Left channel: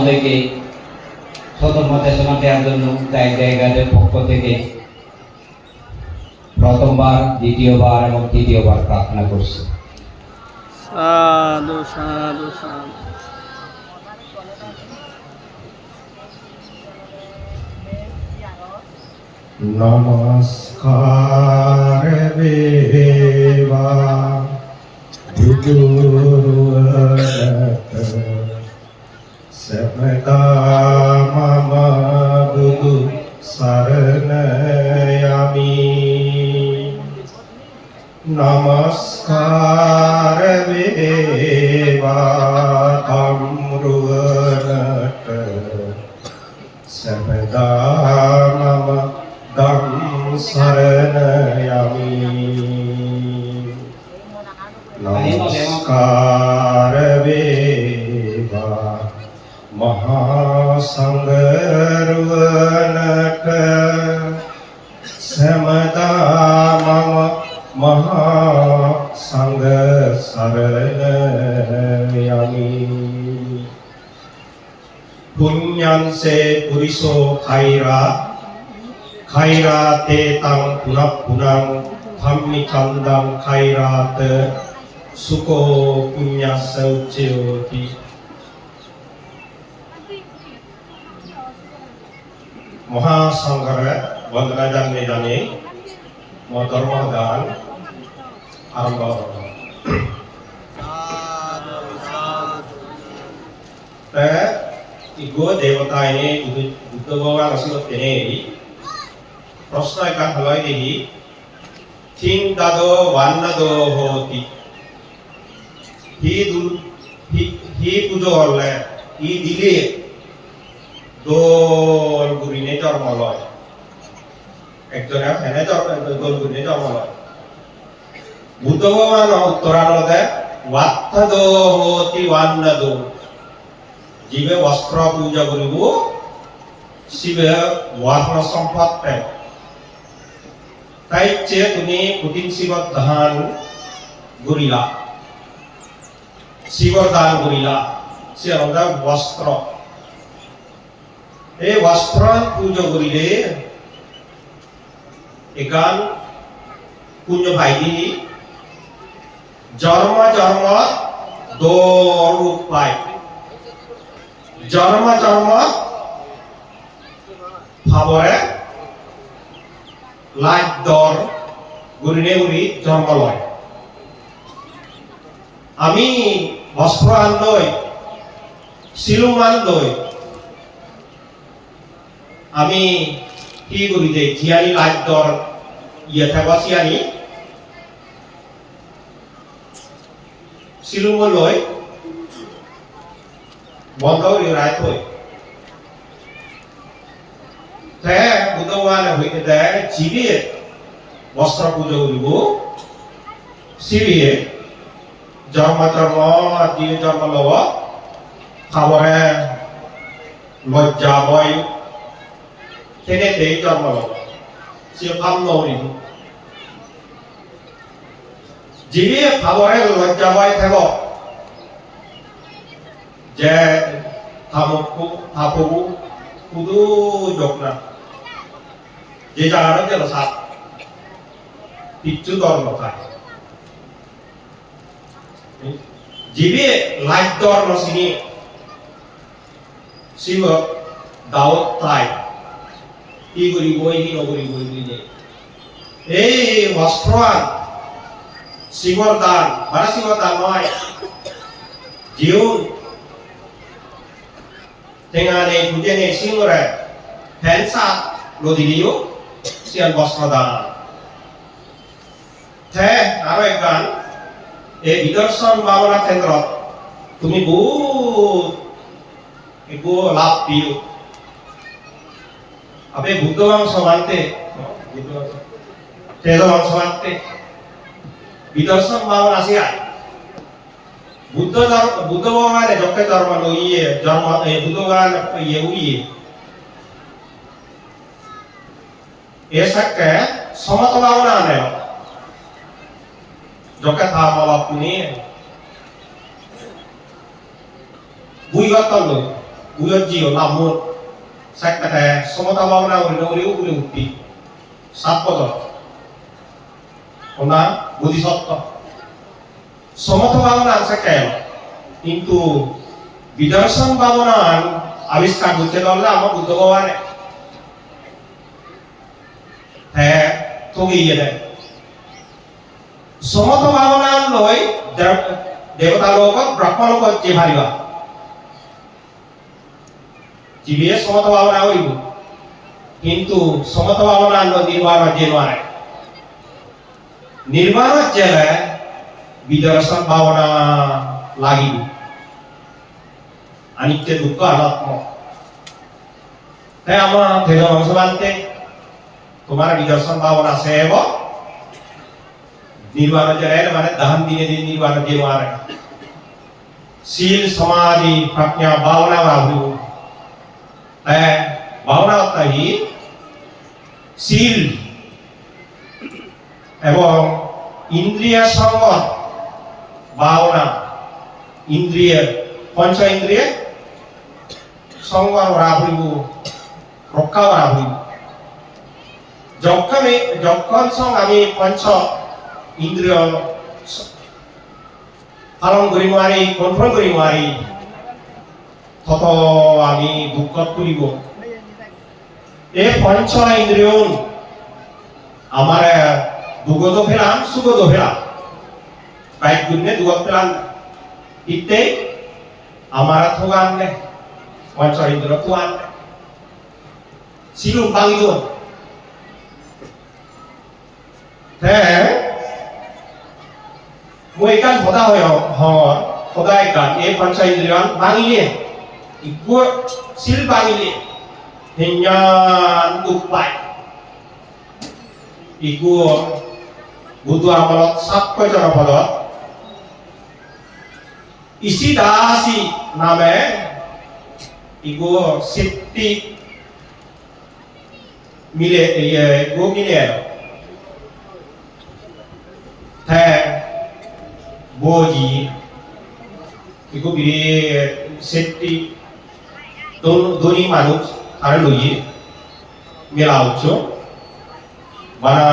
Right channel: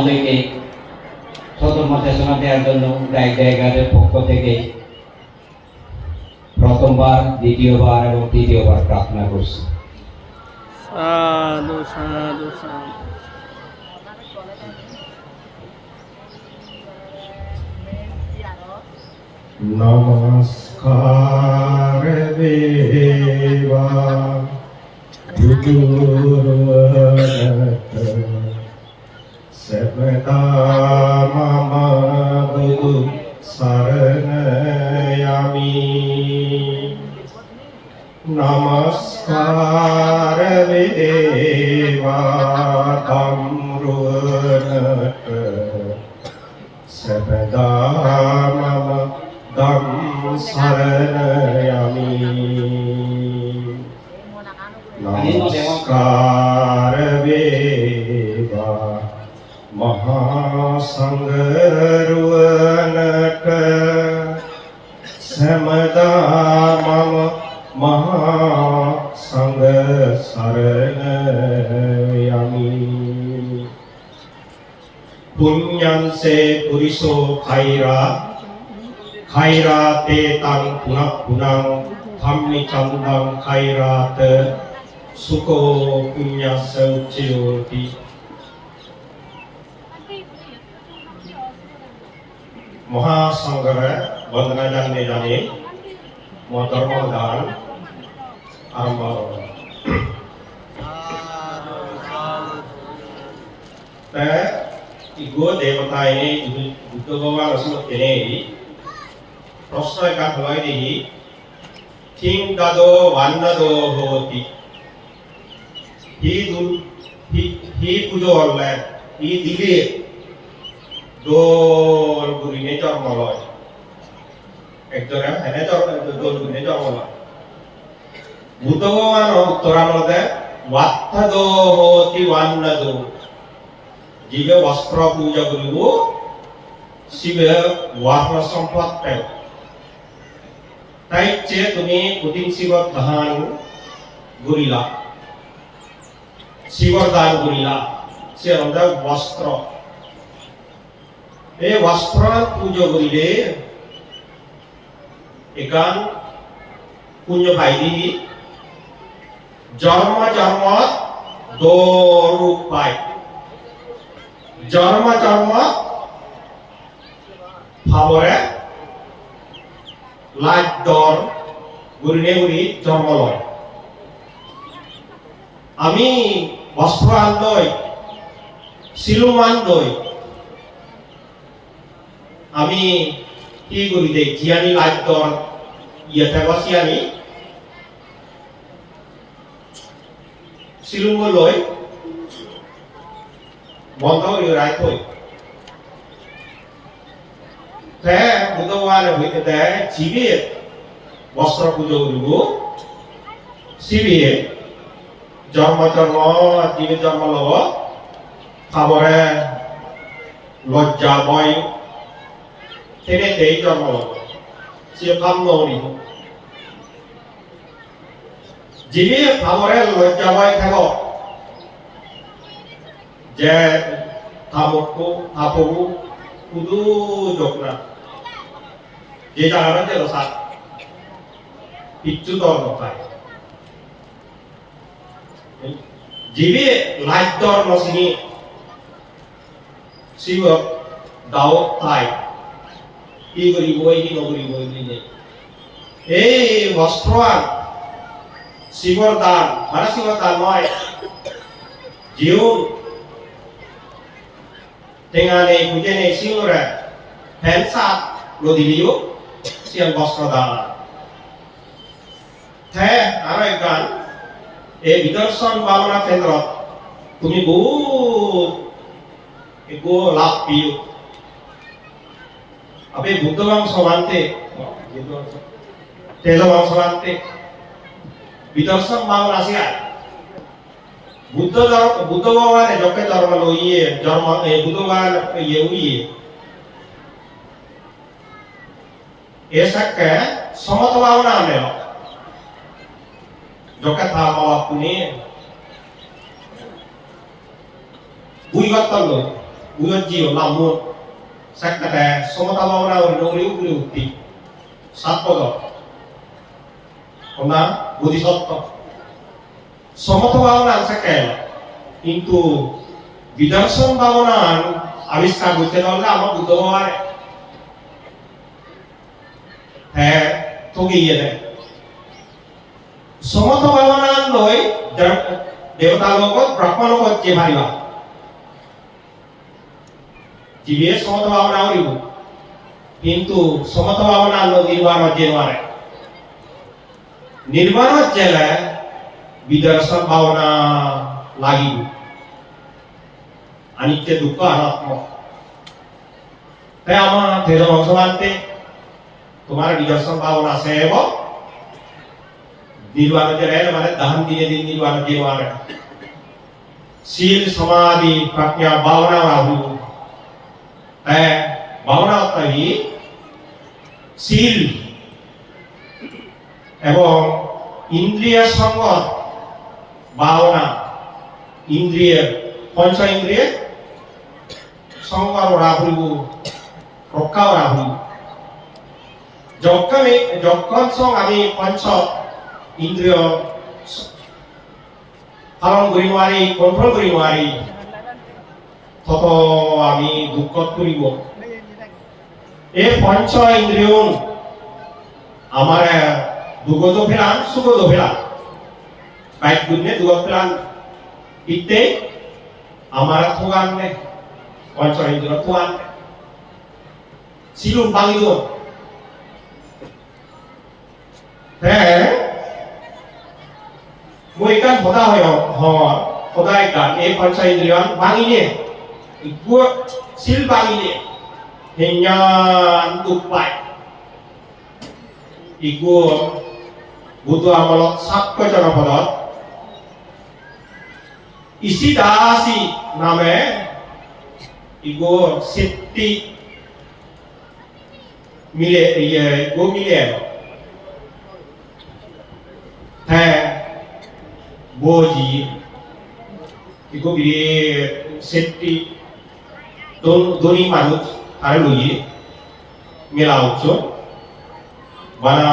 মহোদয়কে প্রথম নির্দেশনা দেওয়ার জন্য জায়গাদের পক্ষ থেকে প্রথমবার, দ্বিতীয়বার এবং তৃতীয়বার প্রার্থনা করছি। সাধু সাধু সাধু। নমস্কার বেবা බුදුරට සමතා මම බුදු සරණ යමි. නමස්කාර වේවා තම්රුවනට සමතා මම ධම් සරණ යමි. नमस्कार वेवा महासंगरुवनक समदा मम महासंग शरण यमि. पुण्यं से पुरुषो खैराते तं पुनः पुनः धम्मि चंदं खैरात सुको पुण्यस्य उच्यते. महासंगर वंदना जाने जाने धर्मदान आरंभ. इगो देवता ini butuh bawa langsung ini प्रश्न का हवाई देही थिंग दादो वान्नदो होती ही पुजो हल्ला ही दिले दोल गुरिने जन्म लय एकजने हेने दोल गुरिने जन्म लय बुद्ध भगवान उत्तरानदे वात्थदो होती वान्नदो जीवे वस्त्र पूजा करिबो शिवे वर्ण सम्पद पाय ताई चे तुम्ही पुतिन शिव दान गुरिला शिवर दान गुरिला से আমরা वस्त्र এই वस्त्र पूजा करिले एकान पुण्य पाइली जन्म जन्म दो रूप पाय जन्म जन्म भावरे लाइट दर गुरिने गुरि जन्म लय আমি বস্ত্র আনলই শিলুম আনলই আমি কি করি দেই জিয়ানি লাইট দর ইয়ে থাকবা সিয়ানি শিলুম লই বন্ধ রাইট হই তে বুধবান হইতে দেয় জিবে বস্ত্র পুজো করিব শিবিয়ে জন্ম জন্ম জীবে জন্ম লব খাবরে লজ্জা বয় তেনে জন্ম লব সে ভাব নৌরি জীবে খাবরে লজ্জা বয় থাক যে থামকু থাপবু কুদু জগনা যে জায়গাটা গেল সাত পিচ্ছু দর নখায় जीवे लाइट दर नसिनी शिव दावत ताई ই করি বই কি নগরি বই দিলে এই বস্ত্রান শিবর দান মানে শিবর দান নয় জীবন তেঙ্গানে বুঝেনে শিবরে ফ্যানসা লদিলিও সিয়ান বস্ত্র দান থে আরো এক গান এই বিদর্শন ভাবনা কেন্দ্র তুমি বহু লাভ পিও আপনি বুদ্ধবাং সমানতে তেজবাং সমানতে বিদর্শন ভাবনা আসিয়া বুদ্ধ ভগবানে যকে ধর্ম লইয়ে জন্ম বুদ্ধবান ইয়ে উইয়ে এসাকে সমত ভাবনা আনেও যকে থামা বাপুনি বুইগতন 우연지요 남문 색깔에 소모타 바오나 우리 우티 삿버거 Ona bodhisattva somoto bhavanan sekal কিন্তু বিদর্শন ভাবনার আবিষ্কার করতে পারলে আমার বুদ্ধ ভগবানে হ্যাঁ ঠকিয়ে দেয় সমত ভাবনার লই দেবতা লোকত ব্রহ্ম লোকত যে ভারিবা জীবে সমত ভাবনা হইব কিন্তু সমত ভাবনার লই নির্বাণ যে মারে নির্বাণ জেলে বিদর্শন ভাবনা লাগিব আনিত্য দুঃখ অনাত্ম তাই আমার ধৈর্য অংশমানতে তোমার বিদর্শন ভাবনা আছে এবং নির্বাণ জেলে মানে দহন দিনে দিন নির্বাণ জেলে শীল সমাধি প্রজ্ঞা ভাবনা রাহু তাই ভাবনা অর্থাৎ শীল এবং ইন্দ্রিয় সংগত ভাবনা ইন্দ্রিয় পঞ্চ ইন্দ্রিয় সংগত রাহু রক্ষা রাহু যখন সঙ্গ আমি পঞ্চ ইন্দ্রিয় পালন করি নোৱাৰি কন্ট্রোল করি নোৱাৰি তত আমি দুঃখত পৰিব এই পঞ্চ ইন্দ্রিয় আমার দুগত ফেলাম সুগত ফেলাম বাইক গুণে দুগত ফেলাম ইতে আমার থোগান নে পঞ্চ ইন্দ্রিয় থোগান সিলুম বাঙি দোন হ্যাঁ মই কান হতা হয় সদায় গান এই পঞ্চ ইন্দ্রিয় বাঙি নিয়ে ইকু সিল বাঙি নিয়ে হেঞ্জান উপায় ইকু বুদ্ধ আমলত সাতকৈ জনপদত ইসিদাসী নামে ইকু সিদ্ধি মিলে গো মিলে হ্যাঁ বোজি ইকু বিরে সিদ্ধি দোনি মানুষ আর লইয়ে মেলা হচ্ছে বানা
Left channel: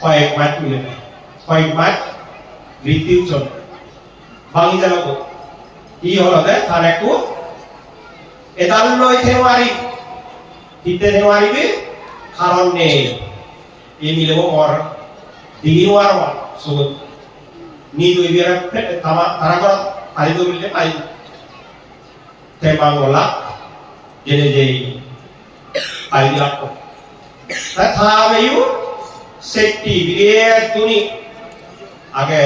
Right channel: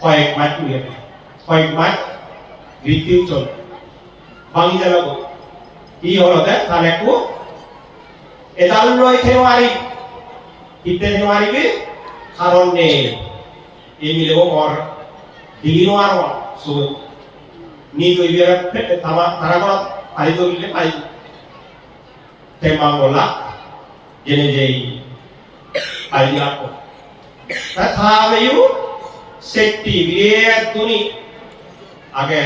কয়েক মাস মিলে কয়েক মাস বৃদ্ধি চল বাঙি জানা কি হলো দে খানেকু এদাল লই থেওয়ারি কিতে থেওয়ারি বি কারণ নেই এই মিলেব মর দিগিনওয়ার মা সুদ নি দই বিয়ার তামা তারা পাই দইলে পাই তেমাংলা jene jei idea ko ta khame yu sekti bire tuni age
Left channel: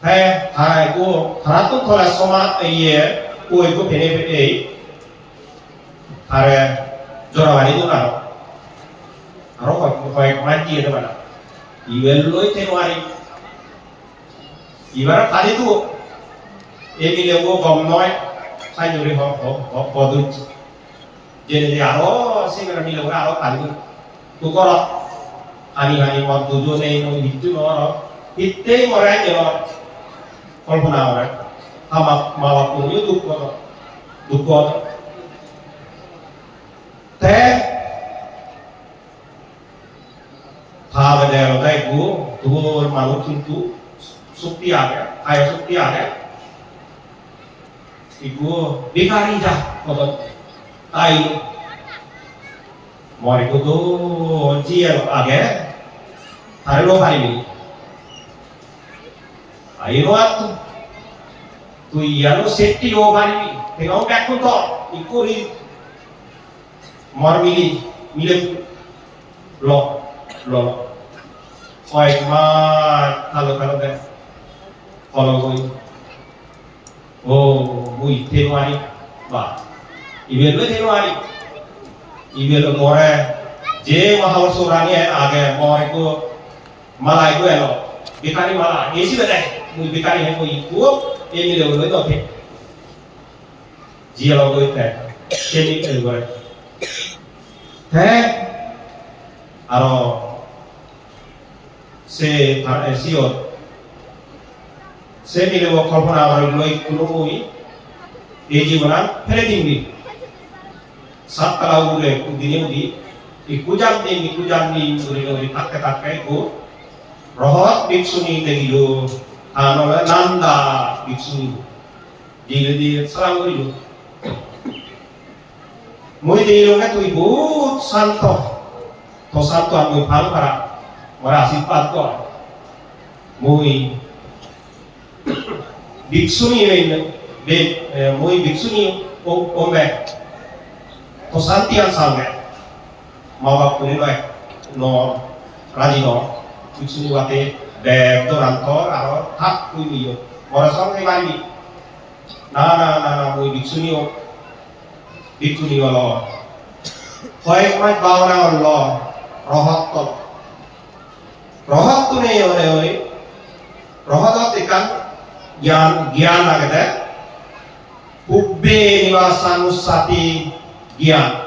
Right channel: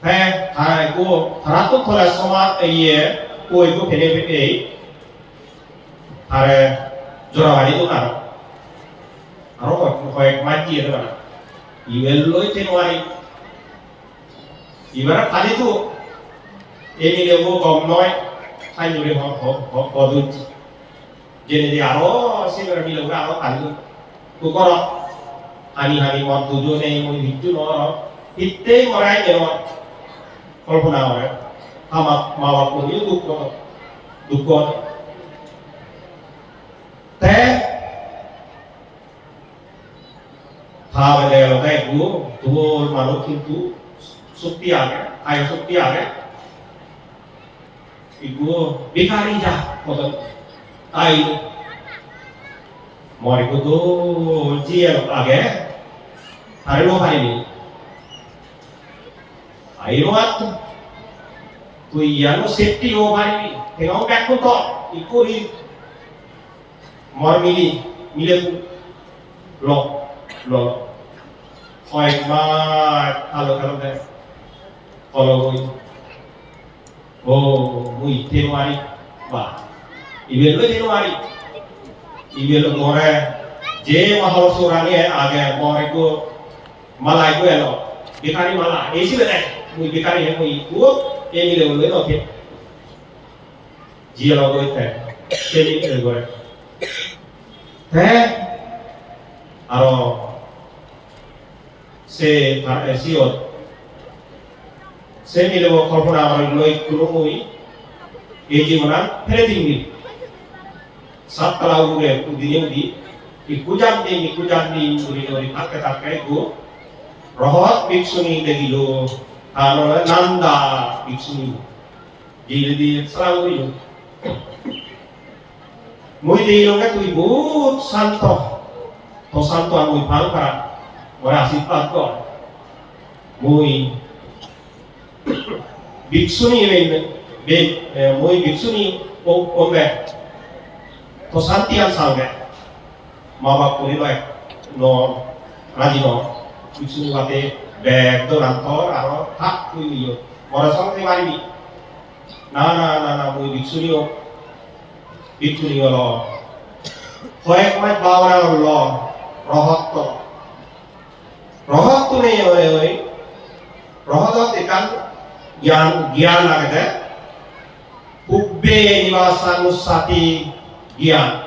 hai hai ko tharatu thola soma ye ko ko pene pene are jora wari to karo aro ko ek mati ede bana iwello tenwari ibara khali tu emi lebo gom noi sai nhiều đi họ tôi jadi dia oh sih orang bilang orang apa pandu tu korok hani mau tujuh nih itu orang itu orang yang kalau pun orang sama malah pun itu dukot teh thà về đây của tôi mà lúc কিন্তু sukti ada kayak sukti ada iku bikari ja koto tai mori ko do jiel age are lo pai mi ai lo at tu yano safety o bari mi tengau back ko to iku ri mor mile lo oi ma kalau deh kalau oh mui temari ba ibelo temari ibelo more je mahal surani age more ko malai ko elo bikari mala esi beda mui bikari he ko iku eni le lo to ji lo ko ite seni ke go he aro se siot se mi lewo korpona mar loi kuno oi এই জীবনান ফেলে দিননি সাততলা উপরে দিনে উদিikujan uri uri tak itu rohot biksuni degilu nanda biksuni di selalu itu mui dilu kan tu ibu santo to santo mui pal para ora sifat ko mui biksuni be mui biksuni ombe to santian sange mawak puni loe no rajino biksuni wate be doranto aro tak kui yo ora song te mari na mui biksuni lo hoek mai bauna lo rohot tu ne ore rohot tekan gian agade ubbe niwasanusati gian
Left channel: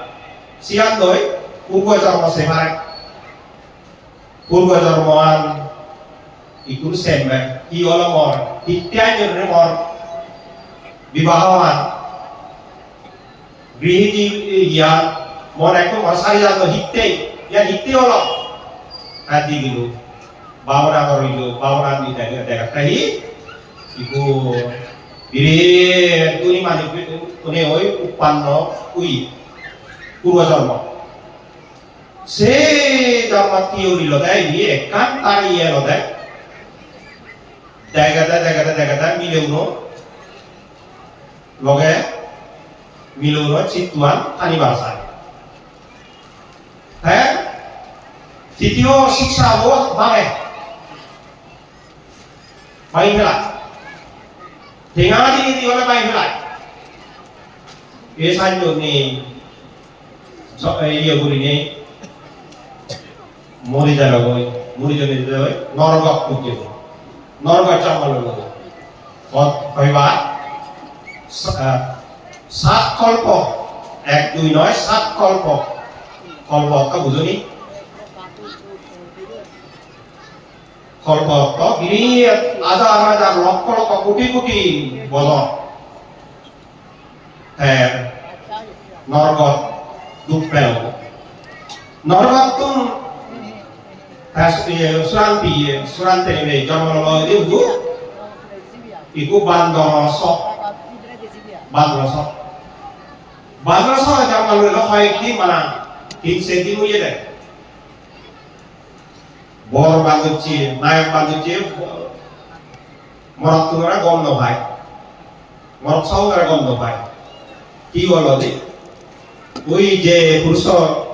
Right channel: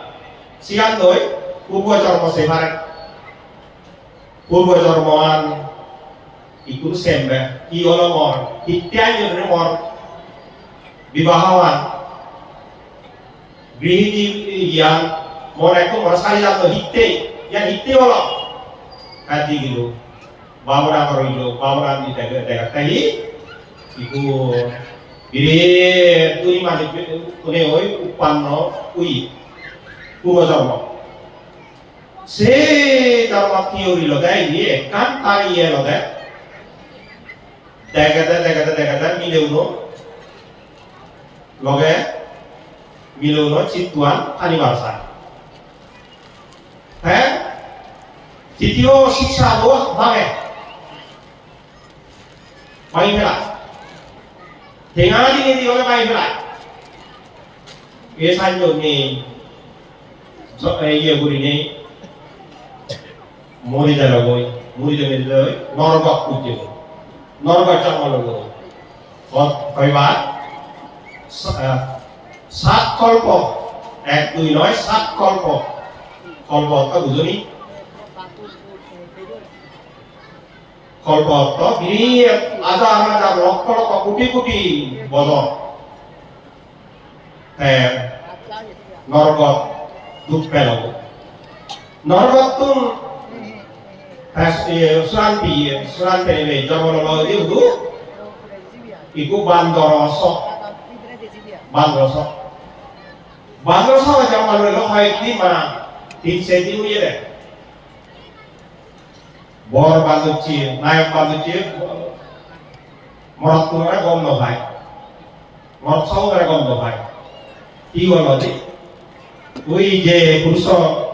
siang doi purba jarmo sebaran purba jarmoan ikut sembe iola mor tityanya ne mor bibahawan grihiji yang moneko masari jato hitte yang hitte ola hati gitu bawra korido bawra di daerah kai iku ire tuni mani kune oi upanno ui purba jarmo se jarmat teori lo dai ni kan tari lo dai daga mileuno loge mileuno cituan ani bangsa titio siksa lo bage pai helai tengah di wala pai helai e sanjo ni so ye guri ni muri jalo norba kuje norba chamalo on kaiba sat kolpo ek dui noy sat kolpo ka bujoni kolpo to giri ada lokko kuti bono norba dupelo norba tun Suranti ini jangan mau itu iku bandor sok jangan lu lokai di mana tim seti mu ye deh bor banduci naik banduci morat tu orang gom dohai morat sau orang gom dohai tiga lagi woi je puruso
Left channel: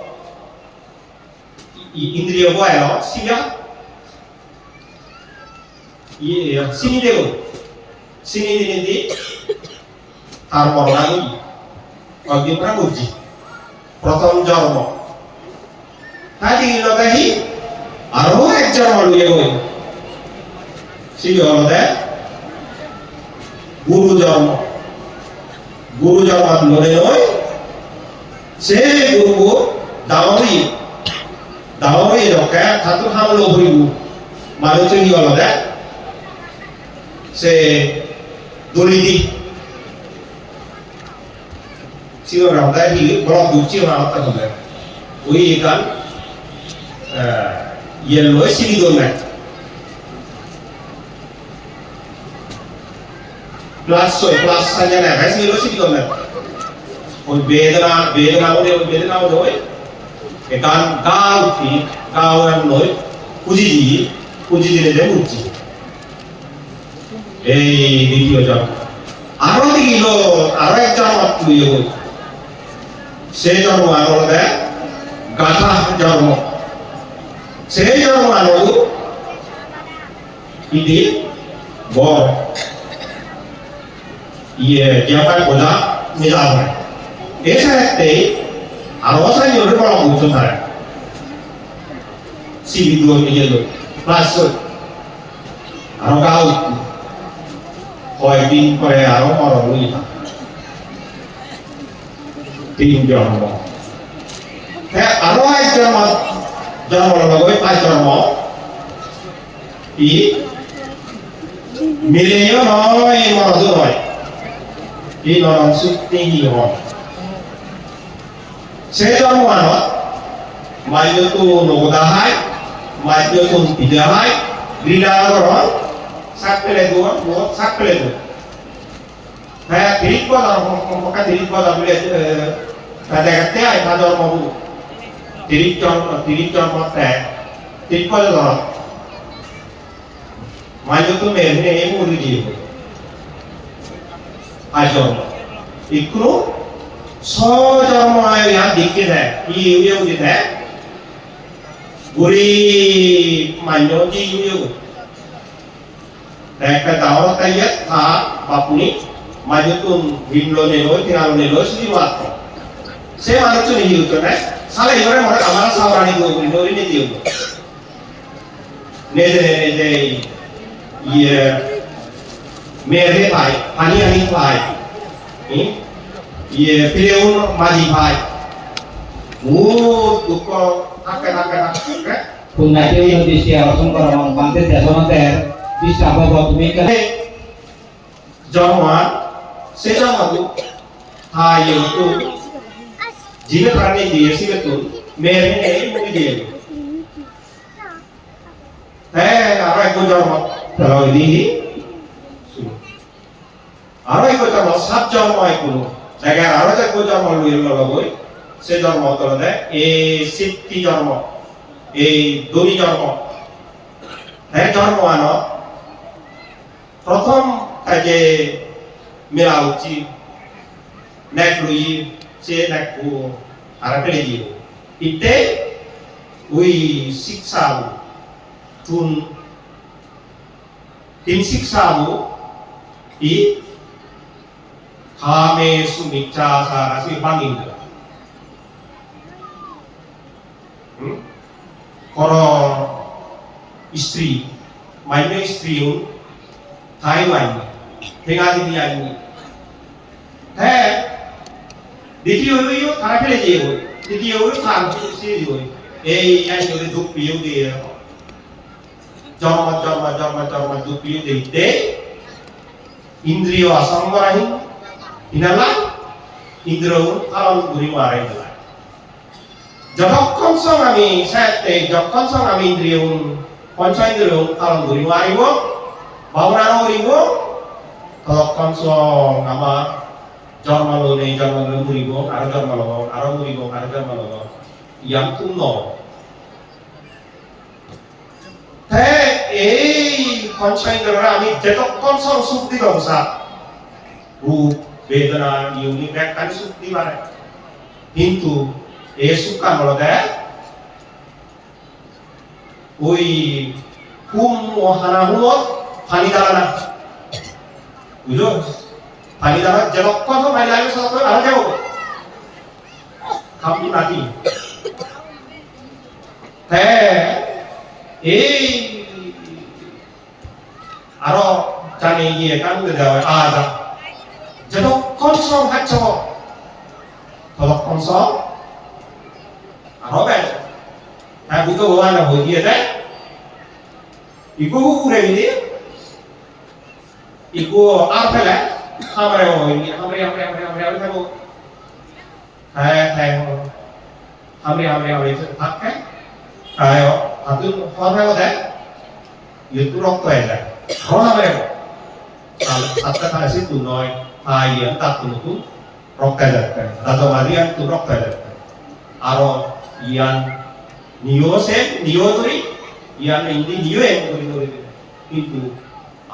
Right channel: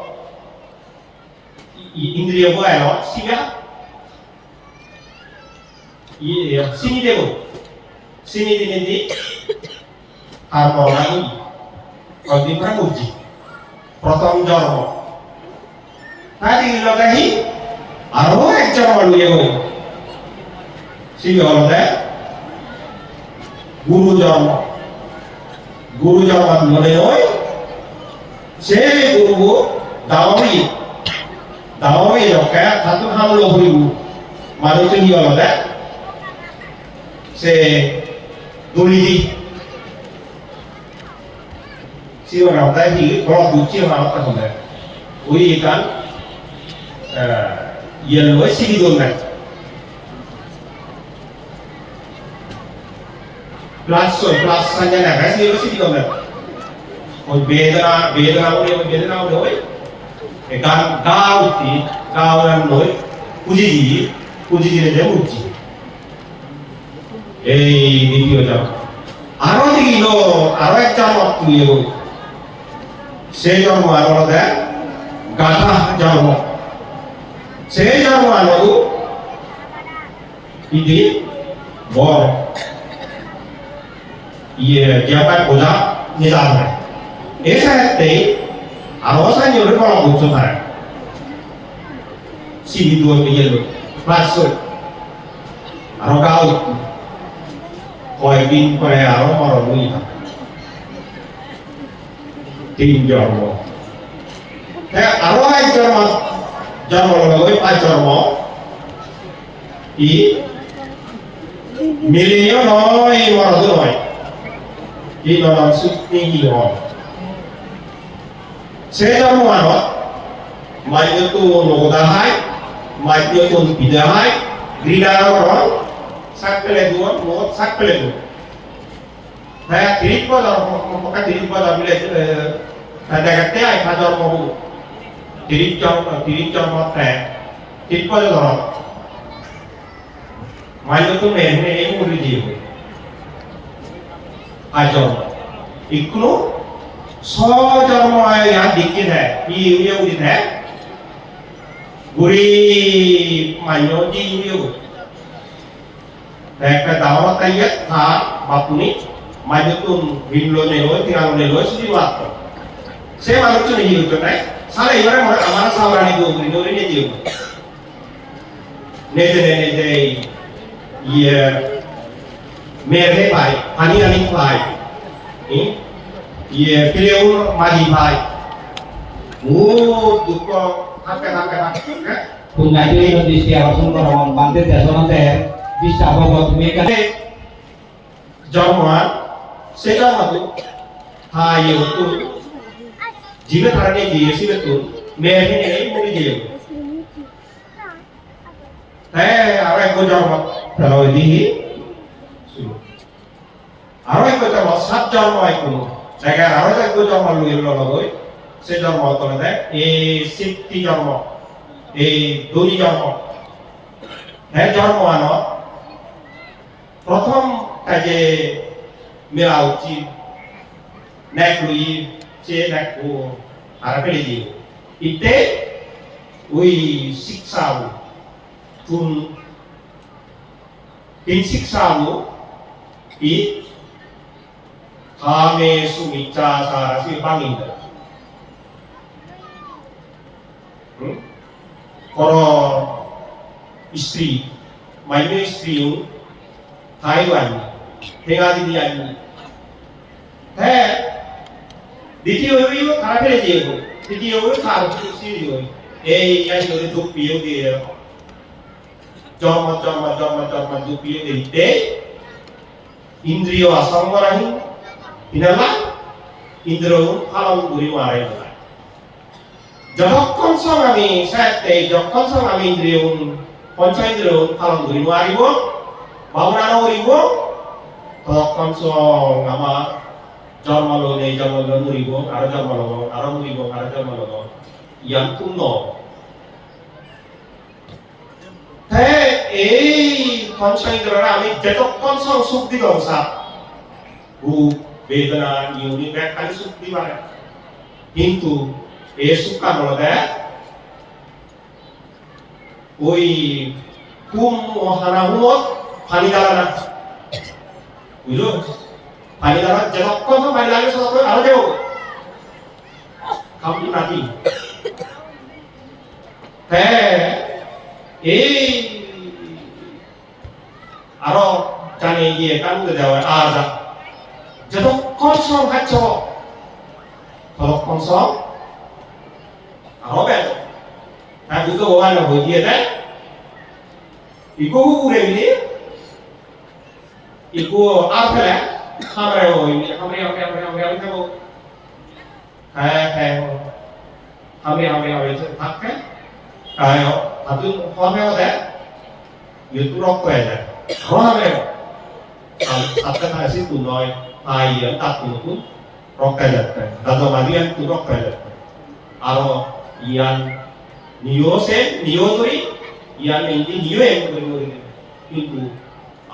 indriya boy no siga sini dego sini di tar morani odi prabuji prothom jarmo tadi logahi aro ek jarmo luego siga holo de guru jarmo lore oi se guru dawi yo kayak satu hal lo beribu malu tu dia ada se dolidi si orang dah hi kalau buci orang apa tu dah ui ikan yellow sini donat plus saja nak guys yellow sini donat ui bedana boleh kan kau yang noi puji ni je puji video jam aro ek jam waktu ye boy se jam aro de gata jam se jam aro ini bor ye japan bola misalnya esa alasan yang berapa butuh saya, si dua minggu masuk, orang kau, koi bin Korea orang ini, tinggal lo, orang aja jam orang kau ajar mau, milenial mau ini orang tu 이 너는 숲ting이 원. 세점 완원, 마이드 또 노다하이, 마이드 또 비다하이, 리다하고런, 삭플레두원, 뭐 삭플레두. 다 드립보다, 뭐가 드립보다 빌레, 다다가때 아이 다들 뭐고, 드립점 못해, 드립보다 마이드 또 매일 모르지. 아죠. 이끌어 서점화에 대한 느끼네. 이 의욕이 돼. 우리 만년지 의욕. 내가 나와 타이에 다 바쁘니 마주튼 빈로네로 티라노네로 수지로 왔고. 세 만원쯤 이유였네. 살에 이거를 뭐라 아마나 사오라니도 우리는 이유. 내전에 이제 이 मेरे भाई पानी भाई ये फिलेउन माजी भाई वो दुख थके Punjadi Indonesia langsung ke Ramon Pantai Dasana Ter bisa bawa mereka जवान से जवान हाँ ये तो जीवित रहने दिए सी तो मेरे में नहीं मुझे दिए है अरे को जवान तरह दी আরো একটা সাত জন্ম কোনো জায়গায় আরো একটা জন্ম লইল লগই সে জন্ম করে দেয় এই সিদ্ধি জন্ম এই দুই জন্ম হ্যাঁ জন্ম আনো প্রথম কাজে মেলা উচিত নেক লুই সে নেক আর কেজি ইতে ওই শিক্ষা তুন তিন শিক্ষা 이 감의 수미자사라시 방입니다. কর স্ত্রী মাইনে স্ত্রীও থাই আইন ঠেঙাদি দি আইন হ্যাঁ দ্বিতীয় হইও তারা ফেলে দিয়ে হই তৃতীয় হইও থান সিরি হই এই আইন ধরে দুঃখ পিও দিয়ে জন্ম দুঃখ পিও দিতে ইন্দ্রিয় আসামরাহি ইনালা ইন্দ্র ফালন করি মারাই দিলা যতক্ষণ সং আমি সাথে যতক্ষণ সং আমি ইন্দ্রিয় পঞ্চেন্দ্রিয় ফালন করি মারিব ভাবনানো করিব ততক্ষণ সং আমার জন্মালো নেই জন্মালো মরিব আর জন্মালো আর মরিব আর জন্মালো ইয়ান তুম ন তাই এই পঞ্চেন্দ্রিয়রা আমি যতক্ষণ সং সুখ দিব সা রূপ বেদনা ইউনি ব্যাখ্যানি সুখ দিবারে কিন্তু এই সুখা নলদে ওই হুম ও হানা হুমত পানি দালানা বুঝলো পানি দালা যতক্ষণ পানি লাগে ততক্ষণ আরো যাব খাবি নাতি তাই এই আরো জানে গিয়ে কানুকে দেওয়া আদা যতক্ষণ সব হাচ্ছ ততক্ষণ সব হবে না দুটো ভগবান হয়ে দিয়ে দেয় ইগো উড়ে গেলি ইগো আর ফেলে আমরা হইনি আমরা থাকবো হ্যাঁ হ্যাঁ আমরা থাকতে তাই আদু হবে দেয় ইউটু রক্ত হয়ে যায় এখন আমরা সাতটা কাছে তু নয় আইয়ান তাকুন রক্ত যাচ্ছে দাদা মারিয়ান তু রক্ত যাচ্ছে আরো ইয়ান নিও সে নিও ধরি ইয়ান ইন্দি নিও এম করি করি কিন্তু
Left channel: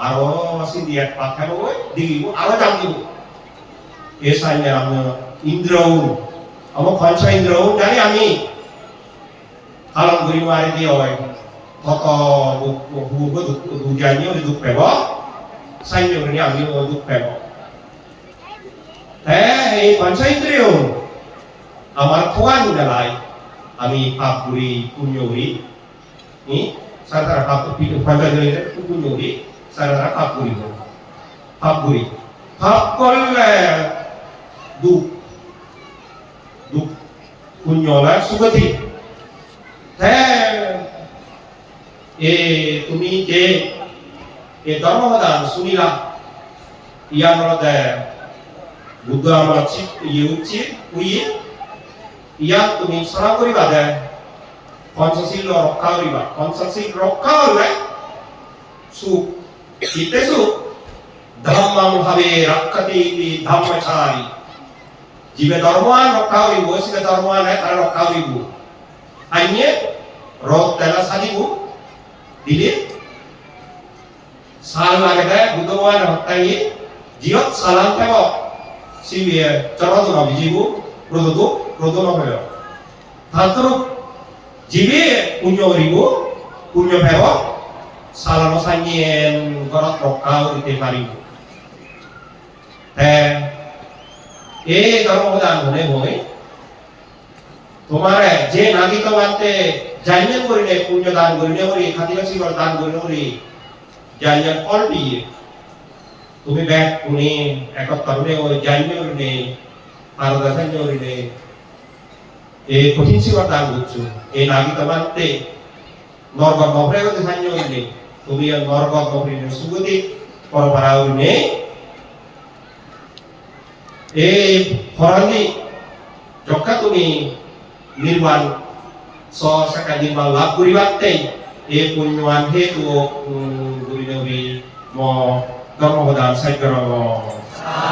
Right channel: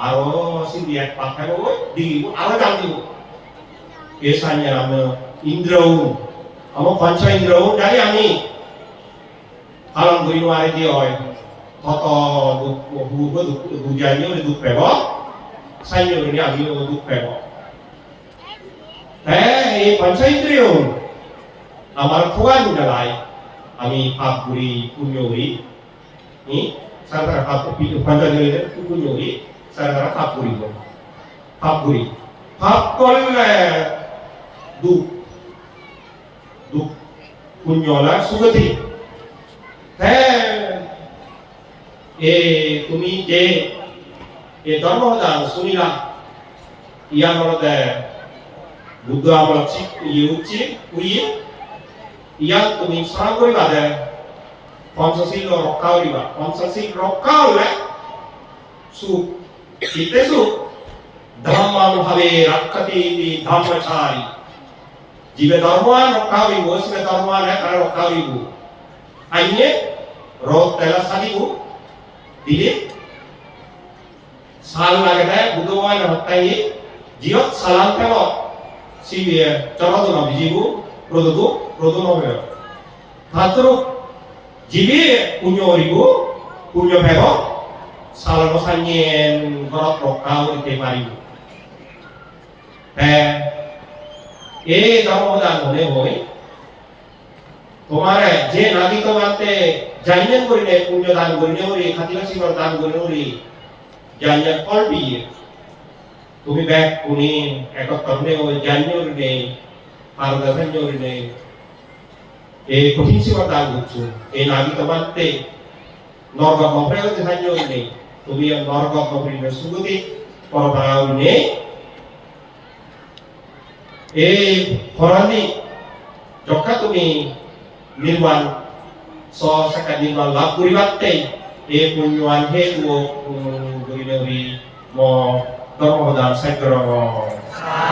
আরো সিদি এক পাখা বই দিগিব আরো জাম দিব এসাইয়া আমরা ইন্দ্রও আমার পঞ্চ ইন্দ্রও জানি আমি হালম করি মারি দিয়ে হয় কত হুব দুজানি ওরে দুঃখ পেব সাইন্য নি আমি ও দুঃখ পেব হ্যাঁ এই পঞ্চ ইন্দ্রিয় আমার খোয়ান নালাই আমি পাপ করি পুণ্য করি সাধারণ পাপ পঞ্চেন্দ্রিয় পুণ্য করি সাধারণ পাপ করি পাপ করলে দুঃখ পুণ্যলা সুগতি হ্যাঁ এ তুমি যে এ ধর্মদান শুনিলা ইয়ার মধ্যে বুদ্ধ আমরা উচিত ইয়াত তুমি স্মরণ করিবা যে পঞ্চশীল রক্ষা করিবা পঞ্চশীল রক্ষা হলে সুখ ইতে সুখ ধর্মাং ভাবে রক্ষতি ধর্মচারী জীবে ধর্মান রক্ষা করিব শিবে ধর্মান তারা রক্ষা করিব আইয়ে রোগ তেলা সাজিব দিলে সাল লাগে দেয় বুদ্ধবান হত্যাই জিয়ত সালান থেব সিবিয়ে চরদন বিজিবু প্রদন হয়ে ধাতু জিবি পুণ্য করিব পুণ্য ফেব সালান সাইয়েন ঘরত রক্ষা করিতে পারিব হ্যাঁ এই ধর্মদান হলে হয় তোমার যে নাগিক মানতে জানিয়ে করিলে পুণ্য দান করিলে করি খাতিবাসী দান করিলে করি জানিয়ে ফল দিয়ে তুমি ব্যাগ পুনে একত্তরে ওই জানিয়ে করিলে পারদা জানিয়ে করিলে এই কঠিন সেবা দান করছো এই নাগিক মানতে নরক নপরে হতে জানিয়ে করিলে তুমি নরক নপরে সুগতি পরপরা করিলে এই ফরানি যখন তুমি নির্মাণ সকাল নির্মাণ লাভ করিবাতে এই পুণ্যৱান হেতু গুরিনবী ম ধর্মদান সাইকর